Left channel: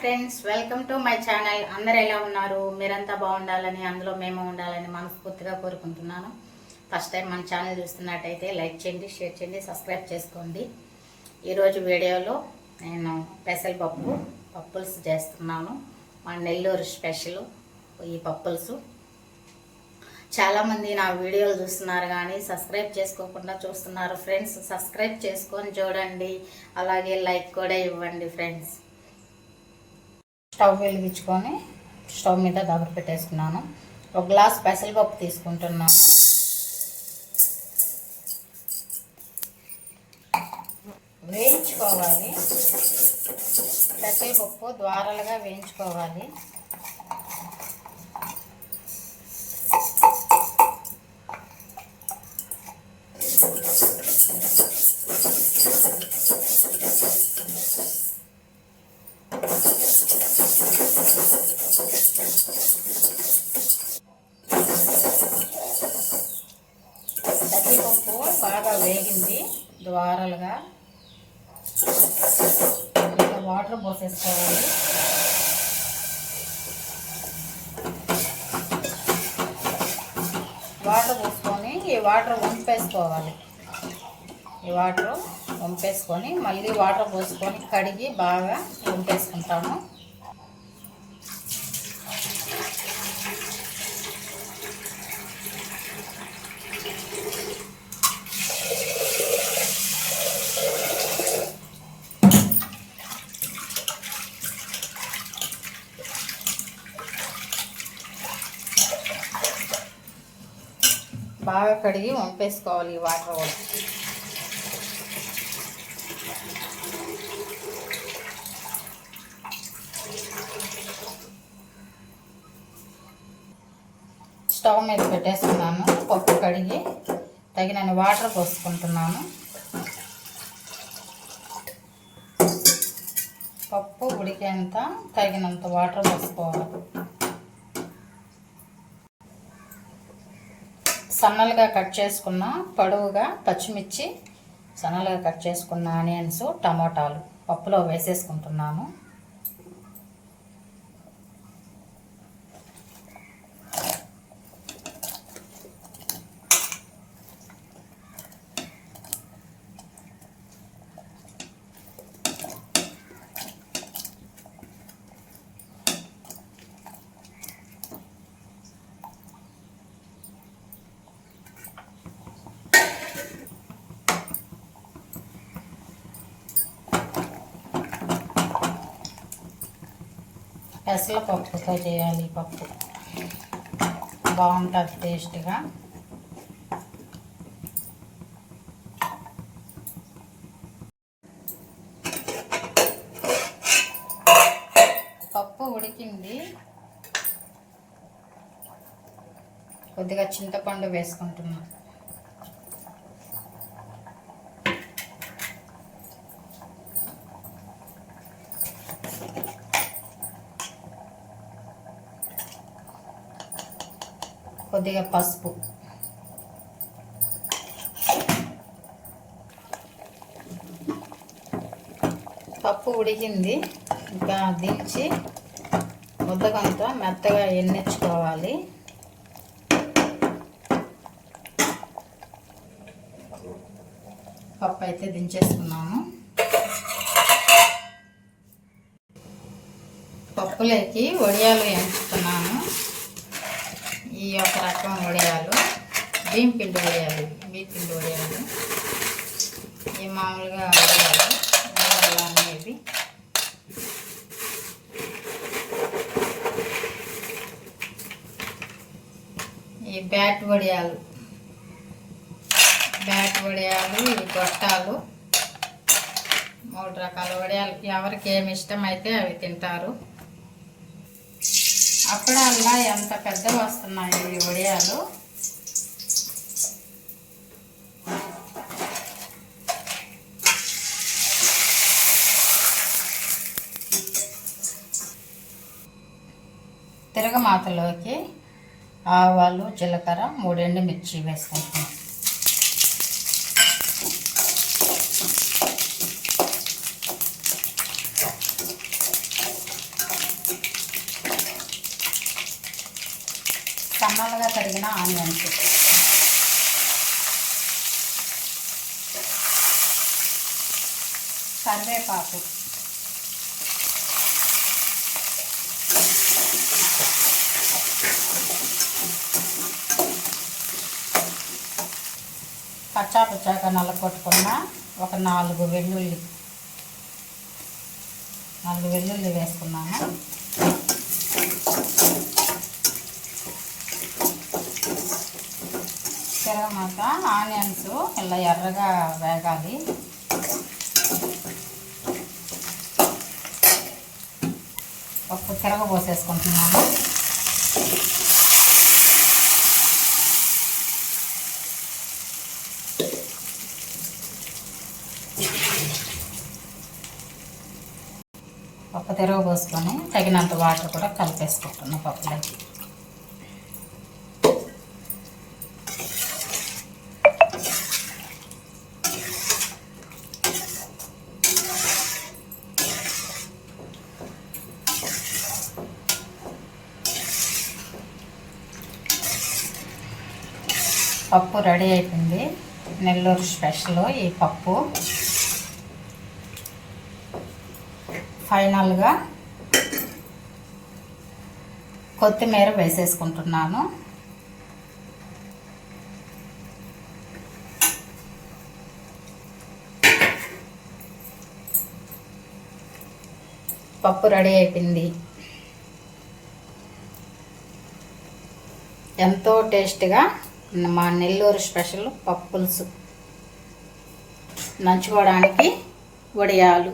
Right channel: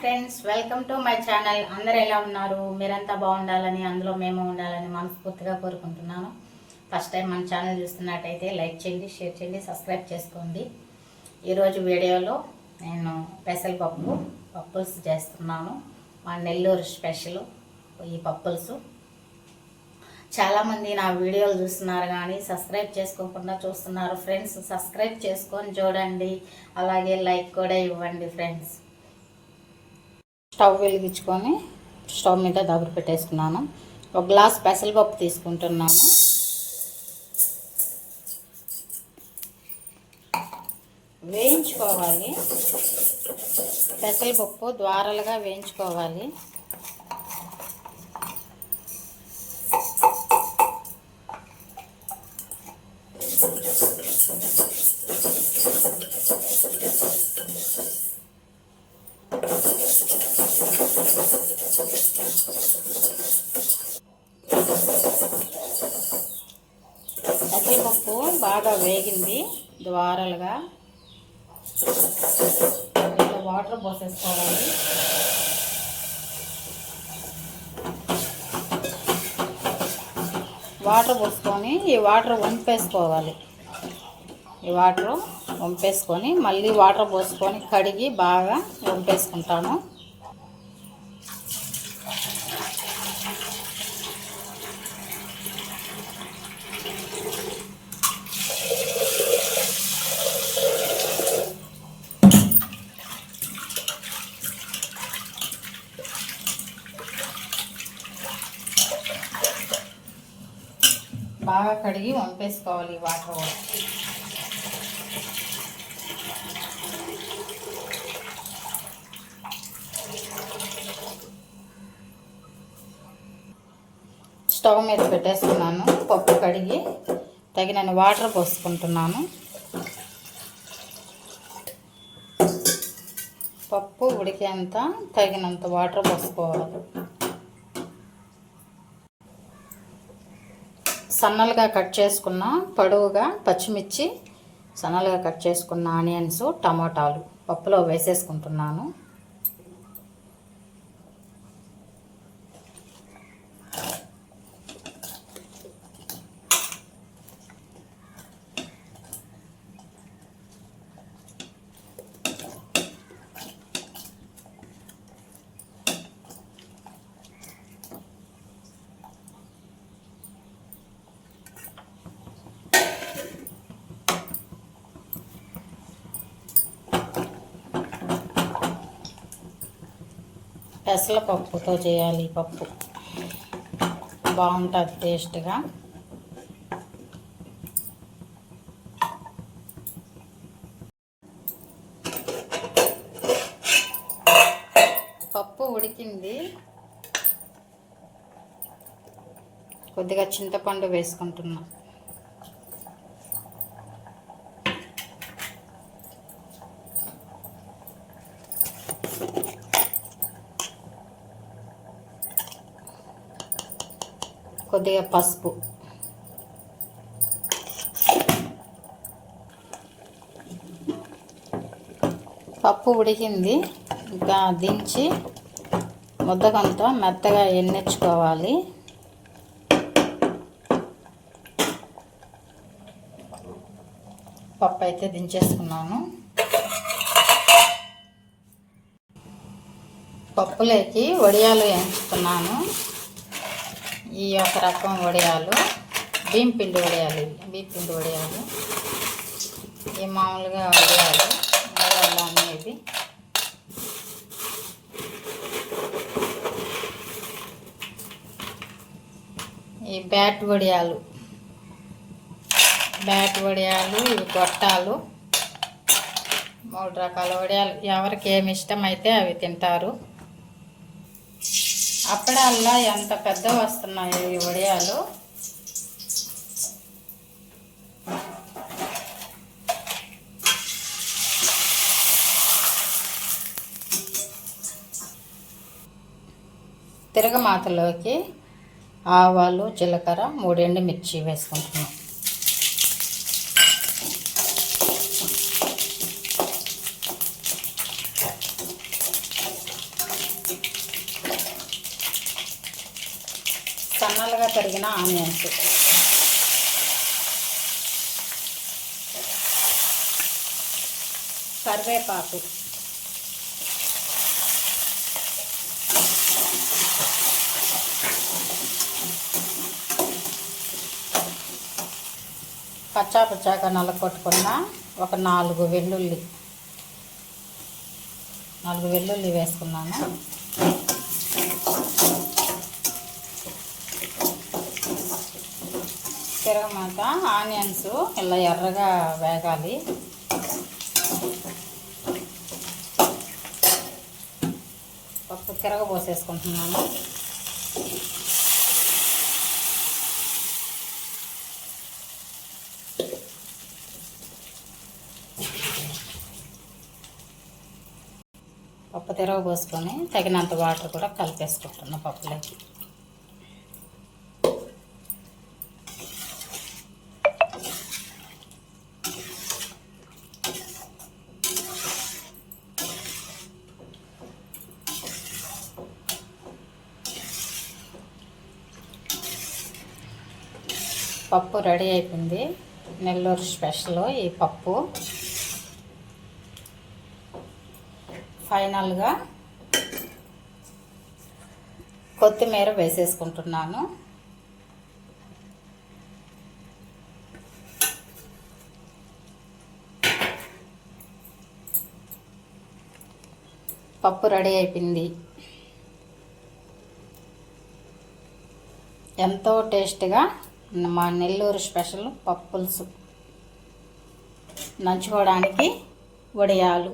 Friends, welcome to my channel. అందరు ఎలా ఉన్నారు? మీరంతా బాగుండాలని, అందులో మేము ఉండాలని మనస్ఫూర్తిగా కోరుకుంటున్నాను. ఫస్ట్ టైం మన ఛానల్ చూస్తున్నట్టయితే లైక్ చేయండి, షేర్ చేయండి, సబ్స్క్రైబ్ చేసుకోండి. ఈరోజు వీడియోలో నేను పప్పుల్స్ చేస్తున్నాను. మా నెల్లూరు స్పెషల్ ఈ పప్పుల్స్. చాలామంది నా వీడియోలు చూస్తున్నారు కానీ సబ్స్క్రైబ్ చేసుకోకుండా చూస్తున్నారు ఫ్రెండ్స్. సబ్స్క్రైబ్ చేసుకొని చూడండి, అలాగే లైక్ కూడా ఇవ్వండి ఫ్రెండ్స్. స్టవ్ వెలిగించుకొని స్టవ్ మీద దగ్గర పెట్టేసుకున్నాను. ఒక గ్లాస్ పెసరపప్పు తీసుకుంటున్నాను. వేయించుకోవాలి. పెసరపప్పు ద్వారాలుగా వేయించుకోవాలి. పెసరపప్పు బాగా వేగింది ద్వారాలుగా. వాటర్ పోసేసుకోవాలి. వాటర్ పోసుకొని ఈ వాటర్ వంపేసుకోవాలి. ఈ వాటర్ వంపేసుకొని మళ్ళీ వాటర్ పోసుకొని కడిగి బాగా వంపేసుకుంటాను. బాగా కడిగి వంపేసుకోవాలి ఈ వాటర్ కూడా. స్టవ్ మీద పెట్టేసుకున్నాను. పప్పు కడిగి తగినన్ని వాటర్ పోసుకుంటున్నాను. పప్పు ఉడికేంత తగినంత వాటర్ పోసుకోవాలి. సన్నలుగా కట్ చేసుకున్న పొడవుగా పచ్చిమిర్చి, సన్నలుగా కట్ చేసుకున్న ఆనియన్స్, టమాటాలు పప్పులో వేసేసుకుంటున్నాను. పెసరపప్పుతో చేయాలి ఈ పప్పు, బాగుంటుంది టేస్ట్గా. పప్పు ఉడికింది. కొద్దిగా చింతపండు వేసుకుంటున్నా. కొద్దిగా పసుపు. పప్పు ఉడికింది. ఇంకా దించి ముద్దకంత మెత్తగా ఎన్నించుకోవాలి. పప్పు అయితే దించేసుకున్నాను. పప్పులోకి వడియాలు ఎంచుతున్నాను. ఈ ఒక రకం వడియాలు బియ్యం పిండి వడియాలు, ఈ మామూలుగా వడియాలు అనేది. ఈ బ్యాట్ వడియాలు, ఈ గొట్టాలు, 3 రకాల వడియాలు. ఎవరికి ఏమి ఇష్టమైతే అవి తింటారు. అప్పుడల్లా ఎంత పెద్దగా వస్తున్నాయి ఈ వడియాలు. తిరగమాతలోకి ఆవాలు, జీలకర్ర, 3 ఎండుమిర్చి వేసుకుంటున్నాం. సన్నగా తరిగిన ఆనియన్స్, కరివేపాకు, కచ్చా పుచ్చాక నల్లకొట్టుకున్న ఒక 4 వెల్లుల్లి వేసుకున్నాము. తిరగమాక ఆనియన్స్ ఇలా ఎర్రగా వేగాలి. పప్పు తిరగబోసేసుకుంటున్నాను. పప్పు తిరగబోసుకొని తగినంత వాటర్ కూడా కలిపేసుకుంటున్నాను పప్పులోకి. పప్పు రెడీ అయిపోయింది. నెల్లూరు స్పెషల్ ఈ పప్పు. ఫైనల్గా కొత్తిమీర వేసేసుకుంటున్నాను. పప్పు రెడీ అయిపోయింది. ఎంతో టేస్ట్గా మా నెల్లూరు స్పెషల్ పప్పు పులుసు. నంచుకోవడానికి వడియాలు,